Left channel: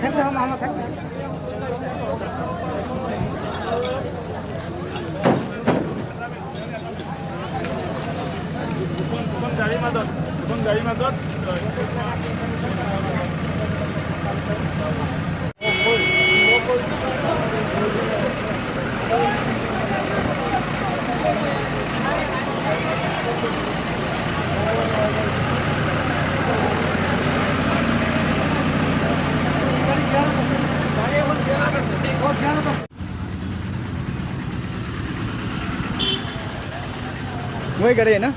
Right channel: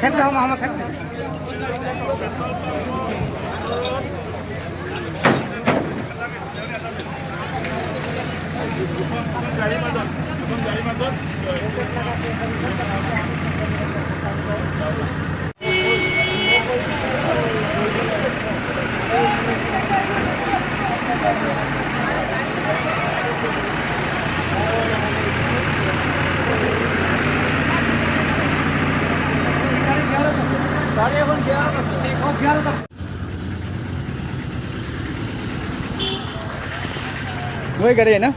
फेंक दो मामा फेंक वही करे ना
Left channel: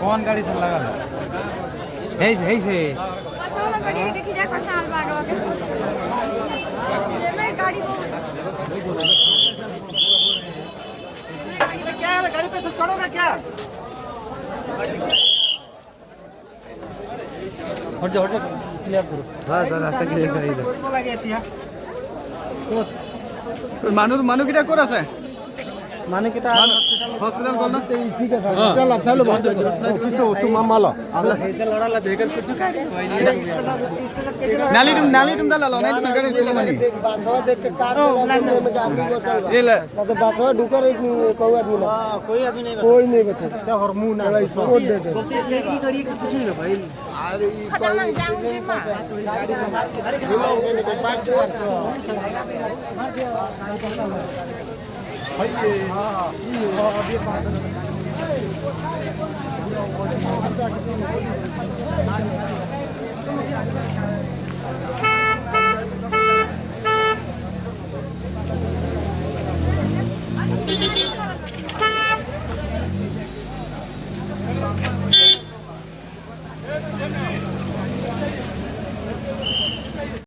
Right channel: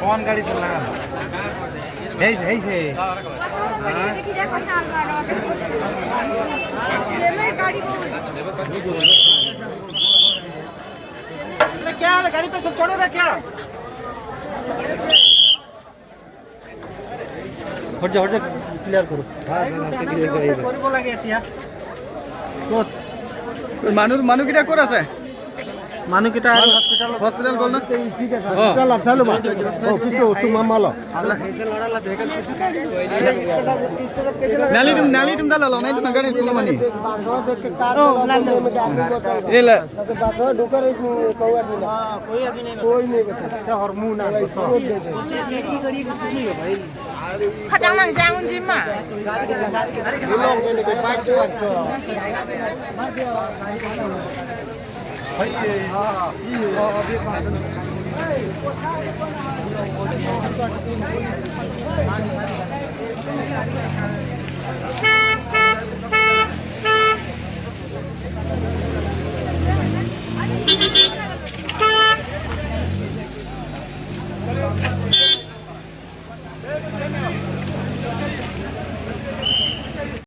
कौन गाड़ी चला है से क्या है गाड़ी पे से चढ़ोगे क्या हट जा क्लियर करो हां सर रास्ता क्लियर कर दे को लगे এতিয়া तो मानु किटा कोर আছে मानु किटा हॉस्पिटल बोल ना ठीक है हॉस्पिटल आता लो किसो तू मामा लो लड़ाला देखल नाली तुम दाला लो नहीं तो गाड़ी तुम मानी बासवा देख के कार में आदमी बचल ये ले तो बासवा ढुकर कोई आदमी ना कोई नहीं बचा तो हार्मोन ना छोड़ दे दे ये गाड़ी की है भाई खतरनाक जाम जिम में भाई